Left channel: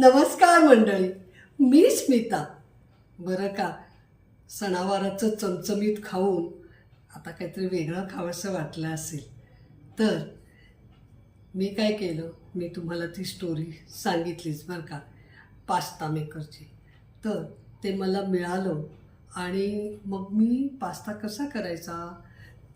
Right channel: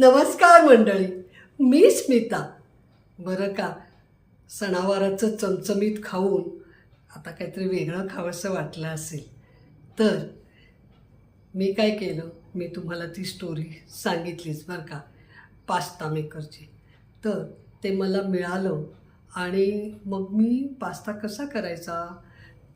नमस्कार मंडळी मी स्मिता. बरं का सणावाराचं चमचमीत खाऊन आता काहीतरी वेगळं खावंसं वाटलं असेल. तर मी काय केलं मी तुम्हाला ती स्टोरी सांगितलीच बरं का पास्ता मेकरची तर ते मला मिळालं आणि मग मी पास्ता कसा करायचा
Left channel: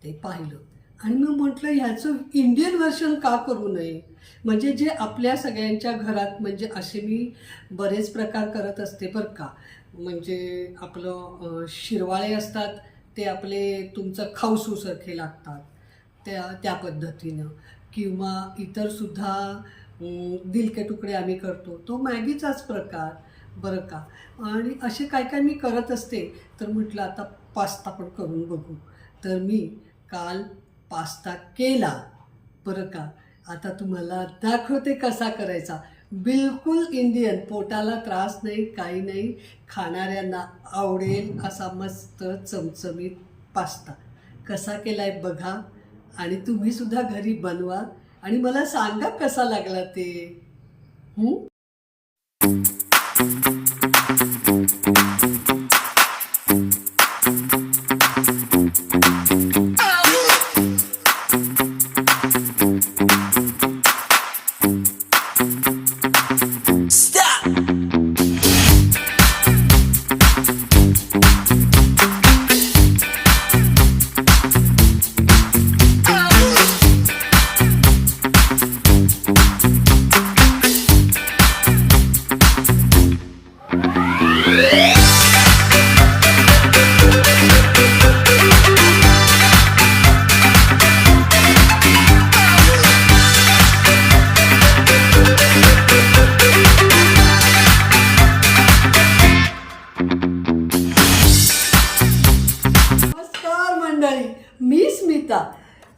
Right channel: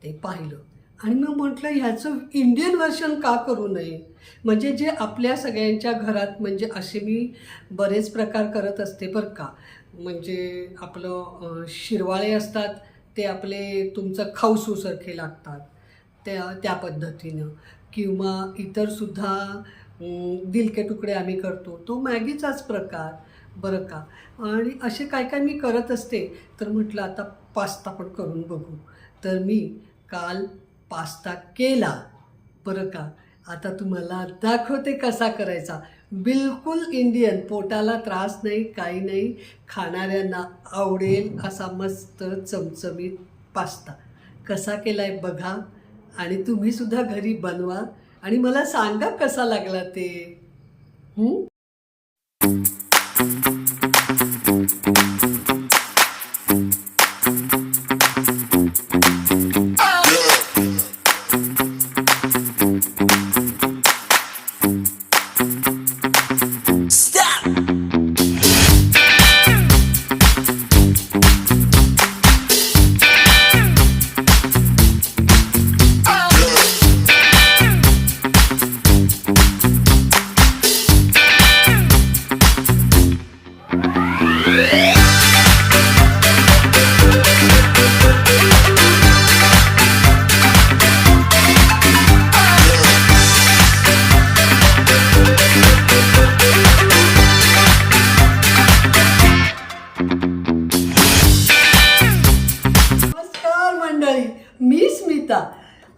ते पाहिलं. आणि मग म्हटलं ह्याचं इंडियन व्हर्शन का करू नये? म्हणजे जे आपल्या सगळ्यांच्या घरात म्हणजे असे मी बरेच प्रकार करत असते बरं का. म्हणजे आपलं शिरवाळे असतात ते आपले तुमचं खाऊसूसारखे लागतात त्या त्या पद्धतीनं. किंवा इतरसुद्धा दिलके तुकडे आम्ही करतो. तो मॅगीचाच प्रकार बरं का. आणि असे काय काय मी करत असते तर म्हटलं आता पास्ता पण करून बघू. तर मी काल पास्ता केला. बरं का? आता तुम्हाला दाखवते कसा करायचा. बिलकुल इंडियन पोटाला त्रास नाही काही नाही. खाणाऱ्यांना आवडेल असा मस्त चमचमीत पास्ता. कसा केला आहे बघा. आणि तुम्हीसुद्धा घरी बनवा. आणि मला सांगा कसा लागला ते.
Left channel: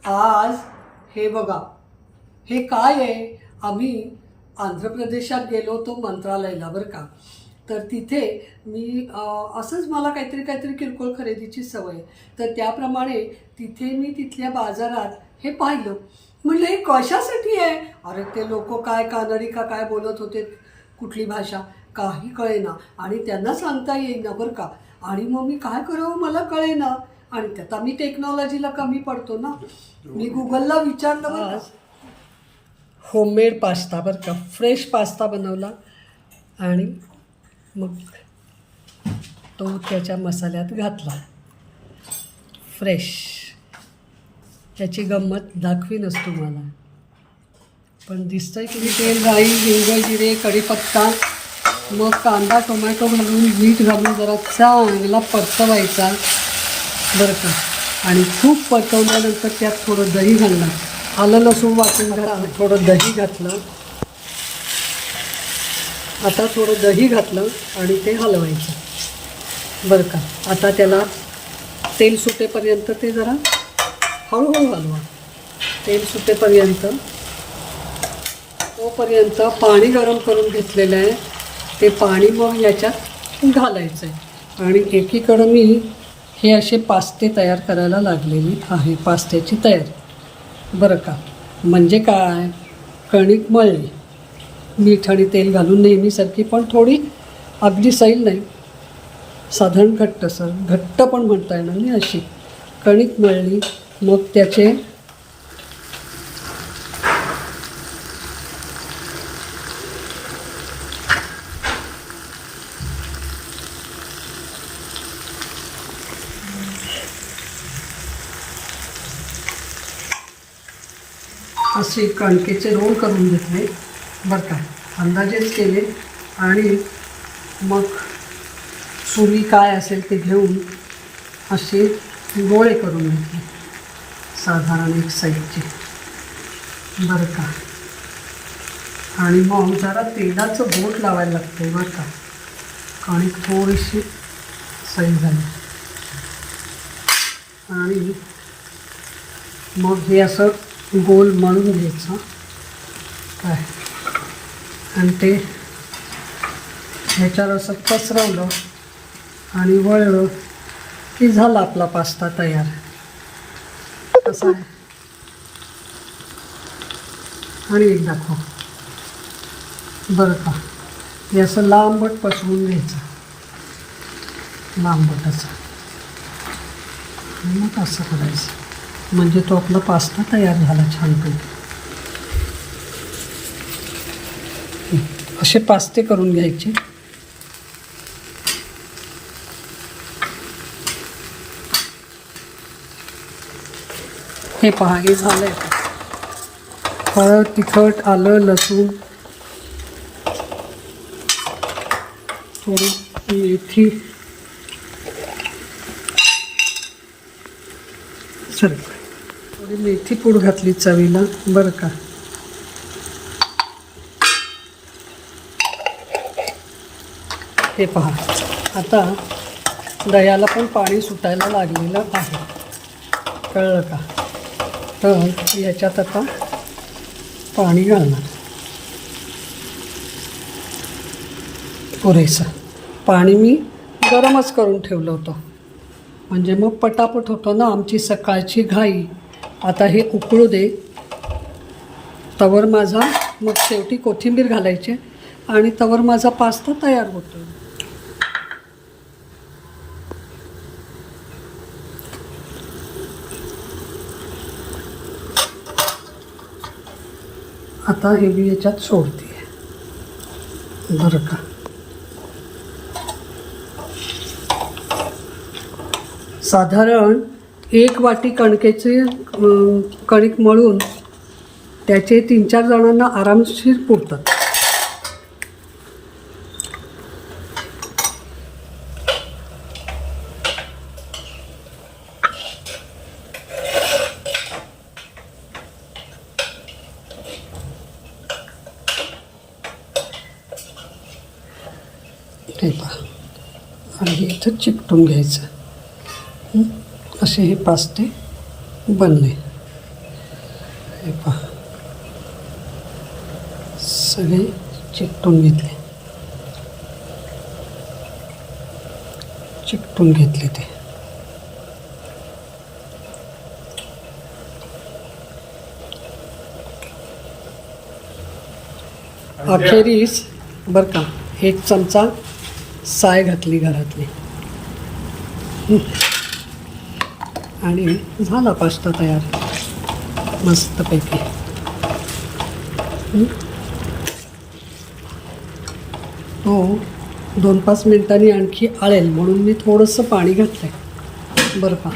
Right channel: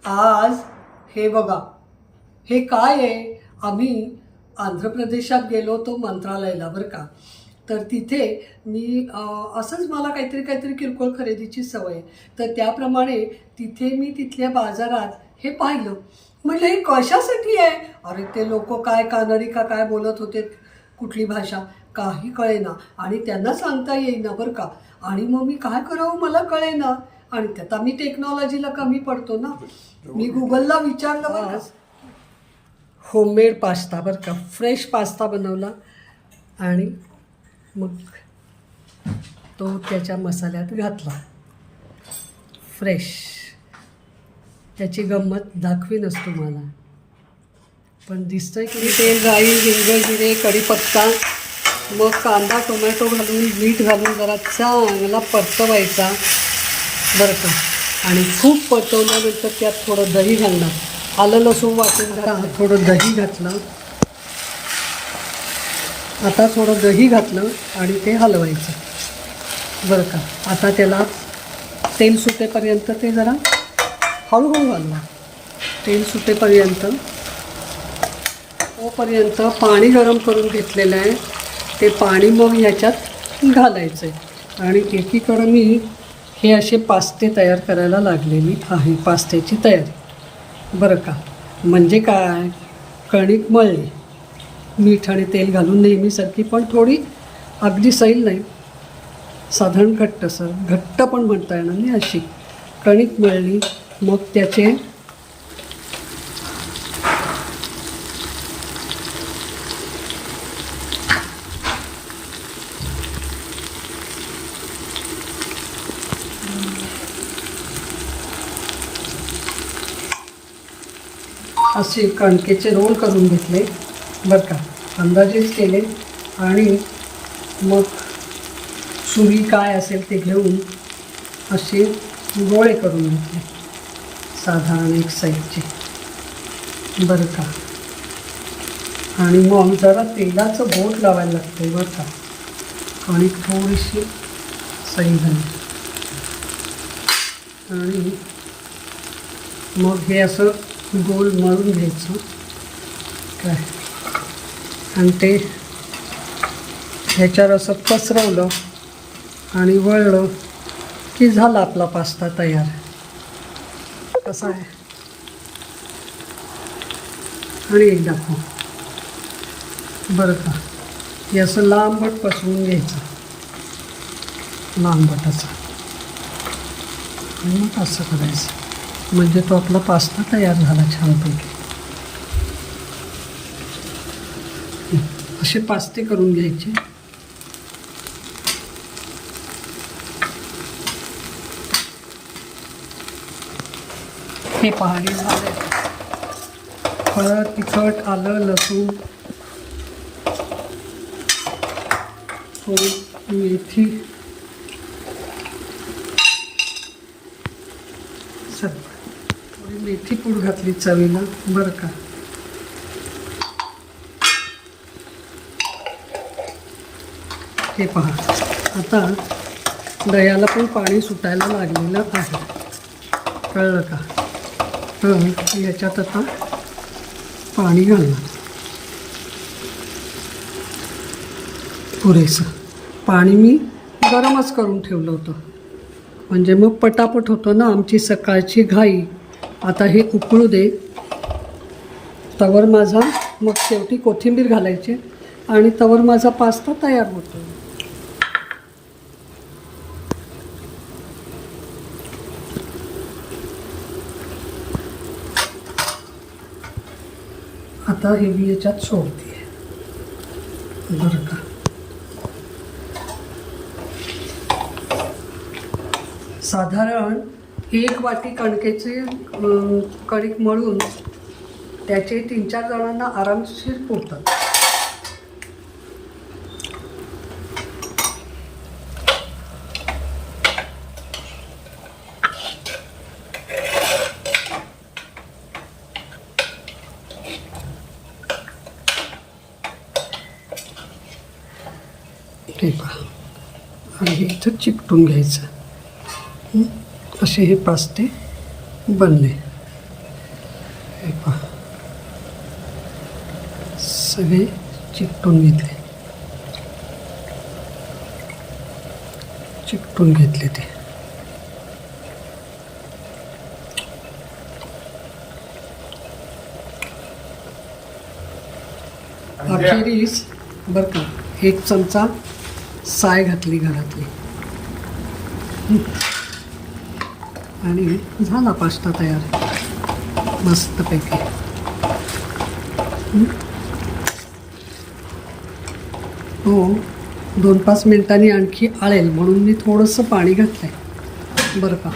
आज हे बघा. हे काय आहे? आम्ही आंध्र प्रदेशात गेलो होतो मंत्रालयाला बरं का? तर तिथे मी असंच मला काहीतरी काहीतरी किरकोळ खरेदीची सवय. आहे तर त्याप्रमाणे तिथे मी तिथल्या बाजारात हे पाहिलं. म्हणलं हे कशासाठी आहे? अरे ते लोक काय कानडी का काय बोलत होते? कुठली भाषा? काही कळेना. आणि त्यांना सांगता येईना बरं का? आणि मग मी काय करावं? मला कळेना. आणि त्यात आम्ही टेक्नॉलॉजीला कमी पडतो ना. मी गुगलला विचारलं होममेड पास्ता बरं का. फ्रेश पास्ता बनवला आणि मग तो त्याच्या मसाल्यात घातला. फ्रेश त्याची गंमत दाखवीनच तुम्हाला. पण दिसतंय की तेल राई हिंग जिरे कढीपत्ता मग कांदा टोमॅटो घालून मीठ घालून जरा चांगला परतवायचा. बरं का? आणि खूप परतवल्यानंतर त्यात थोडं दही घालणार. आलं लसूण वाटून घरा थोडं दही घातलं. आता थोडं दही घातलं आणि ते हलवायचं. बरं का? आता त्याला तेल सुटेपर्यंत ते जरा हळूहळू हलवा. तेल सुटेपर्यंत तोपर्यंत पाणी गरम करून घेतलेलं आहे. ते पाणी मग ह्याच्यात घालायचं आहे आणि एकीकडं मी हे असे पास्ते तयार करायला लागलेली आहे पास्त्याची तयारी. बरं का? म्हणजे काय? कणिक मळली. मीठ आणि तेल घालून नेहमीसारखी पण थोडी अगदी सैल नाही. साधारण घट्ट सर. घट्ट पण म्हणता येणार नाही अशी. कणिक मळली मग त्याचे असे कणकेचे रोल करून घेतले. बरं का अंदाजेच केले. आणि मग सुरी काय असेल ते घेऊन असे गोळे करून घेतले. साधारण एक साईजचे. बरं का. आणि मग जरा तेलाचं बोट लावायला लागते बरं का. कणिक थोडीशी सही झाली आणि मग हे असं गोल मळून घ्यायचं. काय? आणि ते ह्याच्यावर असं पसरवलं आणि वळलं की झाला आपला पास्ता तयार. कसा आहे? आणि एक दाखव. बरं का. हे असं लांबट पसरवून घ्यायचं. लांबट असं मग असं करायचं. म्हणजे तो आपला पास्ता तयार झाला छानपैकी. असे पास्ते करून घ्यायचे. हे पहा हे झालं हळद तिखट आलं लसूण थोडी मेथी. सर थोडी मेथी पूड घातली चवीला. बरं का? हे पहा. आता दह्याला पण पाणी सुटायला लागलेलं आहे. कळलं का? तर याच्यात आता पाणी घालणार. पुरेसं. पाणी मी गरमच करून ठेवलं होतं. म्हणजे मग पटापट होतं ना आमची सकाळची घाई. आता हे उकळू दे. तवर माझा मग शेवटी कोथिंबीर घालायची आणि तवर माझा पास्ता तयार होतो आता हे मी याच्यात सोडते. बरं का? साधारण एक वाटी कणकेची कणिक मळून त्याचे तीन चार जणांना आरामशीर पुरतात हे पहा. आणि इथं चिकटून घ्यायचं. असे हे पास्ते बनले. हे पहा. सगळे चिकटून घेतले. चिकटून घेतले ते. अखेरीस बरं का एक चमचा साय घातली घरातली. आणि झाला पास्ता तयार. मस्तपैकी. हो तो दोन पाच मिनिटांनी आणखी आळेल म्हणून मी थोडंसं पाणी घातलं आहे बरं का.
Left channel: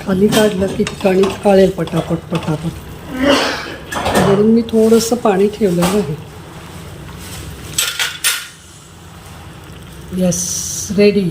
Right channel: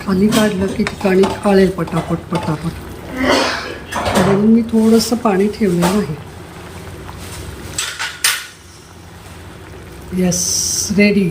खाली काढलं की ठिकाणी आळेल पटापट पटापट. म्हणून मी थोडंसं पाणी ठेवलेलं आहे. Yes ready